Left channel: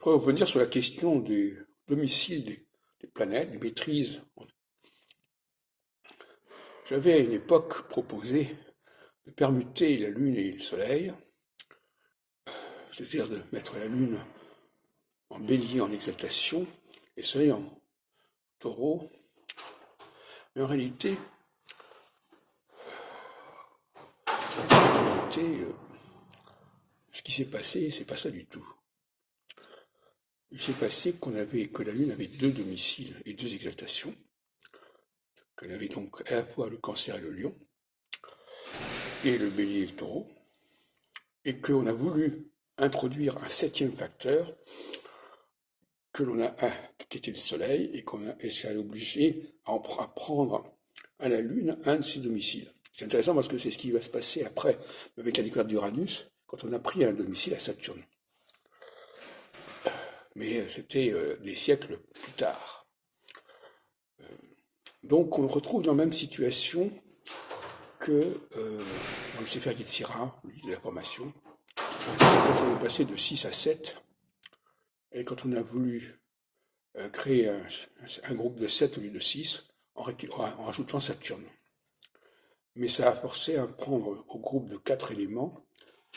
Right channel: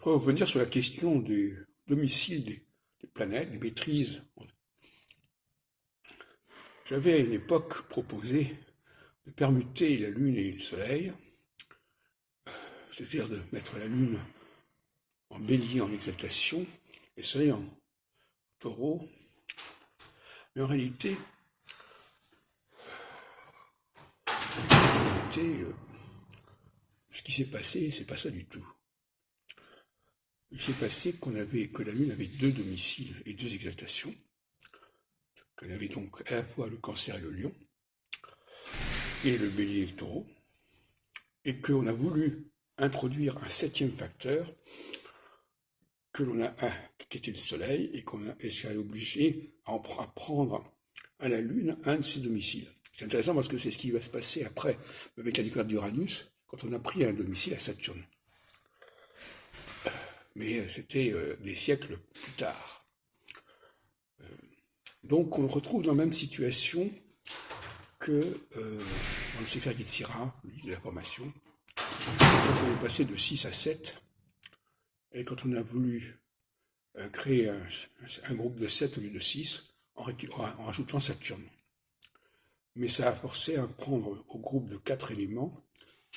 Je voudrais revenir sur la question des domiciles des planètes, des maîtrises. J'avais à une époque proposé de permuter la Lune et le Soleil, c'est-à-dire de mettre la Lune en bélier en exaltation et le Soleil en taureau. Mais en réalité, ce qui s'est passé, c'est pas ça du tout. Il s'est passé que la Lune avait deux domiciles et deux exaltations, qu'elle avait donc à la fois le Cancer et le Lion, et le Bélier et le Taureau, et qu'on a voulu introduire un septième facteur qui était le Soleil, et qu'on a obligé à prendre à la Lune un de ses domiciles. C'est intéressant parce que c'est ce qui va se passer après, avec la découverte d'Uranus, quand on a pris un domicile à Saturne. Mais c'était des siècles plus tard. Donc on retrouve dans la même situation que dans le Sefer Yetzira, le livre de la formation, quand on est passé de 6 à 7, et quand on a voulu créer un groupe de 7 au lieu de 6, en rajoutant Saturne. Mais ça a forcé à prendre au groupe de 4 éléments,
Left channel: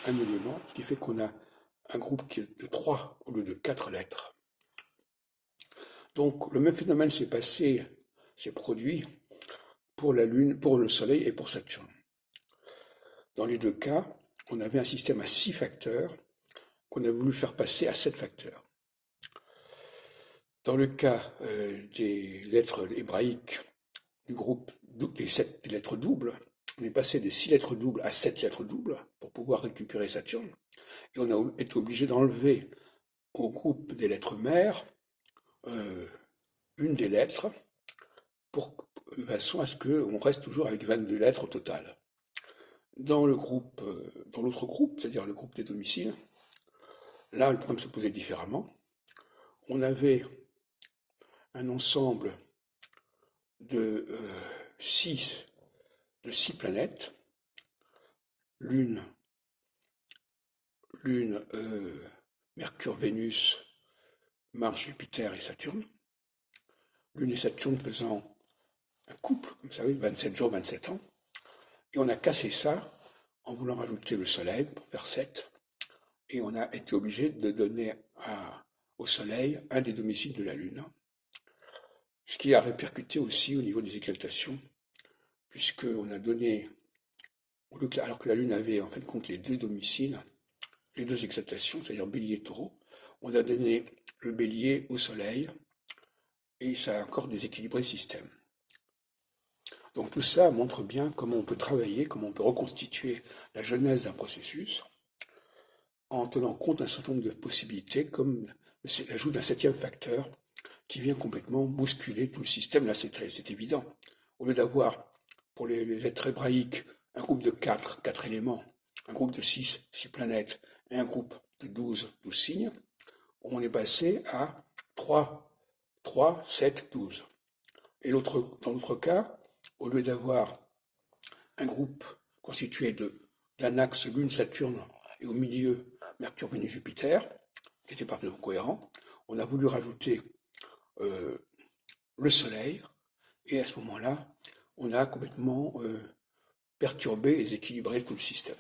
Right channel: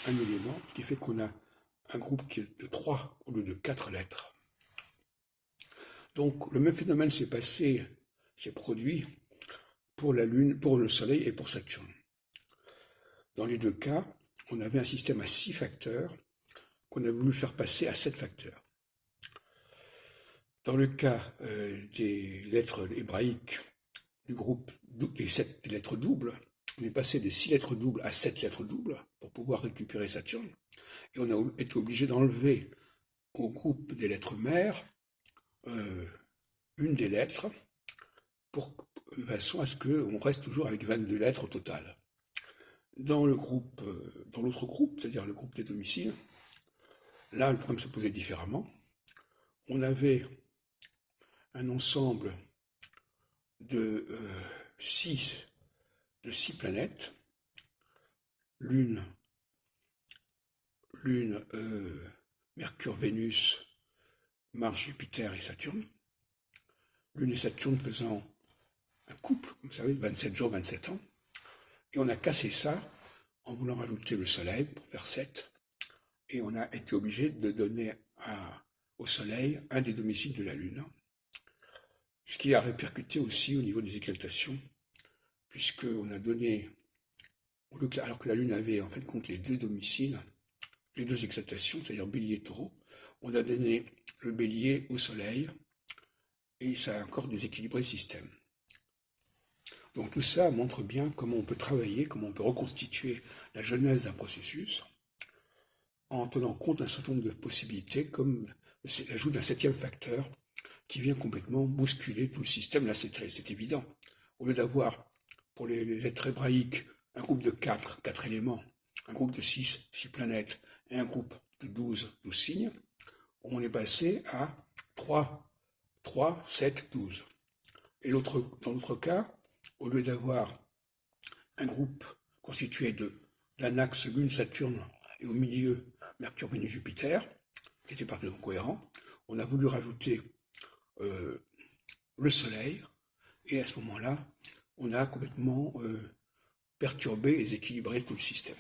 un élément, ce qui fait qu'on a un groupe qui est de 3 au lieu de 4 lettres. Donc le même phénomène s'est produit pour la Lune, pour le Soleil et pour Saturne. Dans les deux cas, on avait un système à 6 facteurs qu'on a voulu faire passer à 7 facteurs. Dans le cas des lettres hébraïques du groupe des 7 lettres doubles, on est passé des 6 lettres doubles à 7 lettres doubles pour pouvoir récupérer Saturne. Et on a été obligé d'enlever au groupe des lettres mères une des lettres de façon à ce qu'on reste toujours avec 22 lettres au total. Dans l'autre groupe, c'est-à-dire le groupe des domiciles, là le problème se posait différemment. On avait un ensemble de 6 planètes, Lune, Mercure, Vénus, Mars, Jupiter et Saturne. Lune et Saturne faisant un couple, comme vous savez, 27 jours, 27 ans. Et on a cassé ça en voulant rajouter le Soleil pour faire 7. Et on a été obligé de donner au Soleil un des domiciles de la Lune. Ce qui a répercuté aussi au niveau des exaltations, puisqu'on a donné, alors que la Lune avait en fin de compte les deux domiciles, les deux exaltations, c'est-à-dire Bélier et Taureau, on a donné le Bélier au Soleil, et ça a encore déséquilibré le système. Donc tout ça montre bien comment on peut travailler, comment on peut reconstituer la genèse d'un processus, en tenant compte d'un certain nombre de possibilités, comme l'ajout d'un septième facteur, qui vient complètement bousculer tout le système. Là, c'est évident. Au lieu d'avoir, pour les lettres hébraïques, un groupe de 4 éléments, un groupe de 6 planètes, et un groupe de 12 signes, on est passé à 3, 7, 12. Et dans l'autre cas, au lieu d'avoir un groupe constitué d'un axe Lune-Saturne et au milieu Mercure, Vénus, Jupiter, qui était parfaitement cohérent, on a voulu rajouter le Soleil, et à ce moment-là, on a complètement perturbé et déséquilibré tout le système.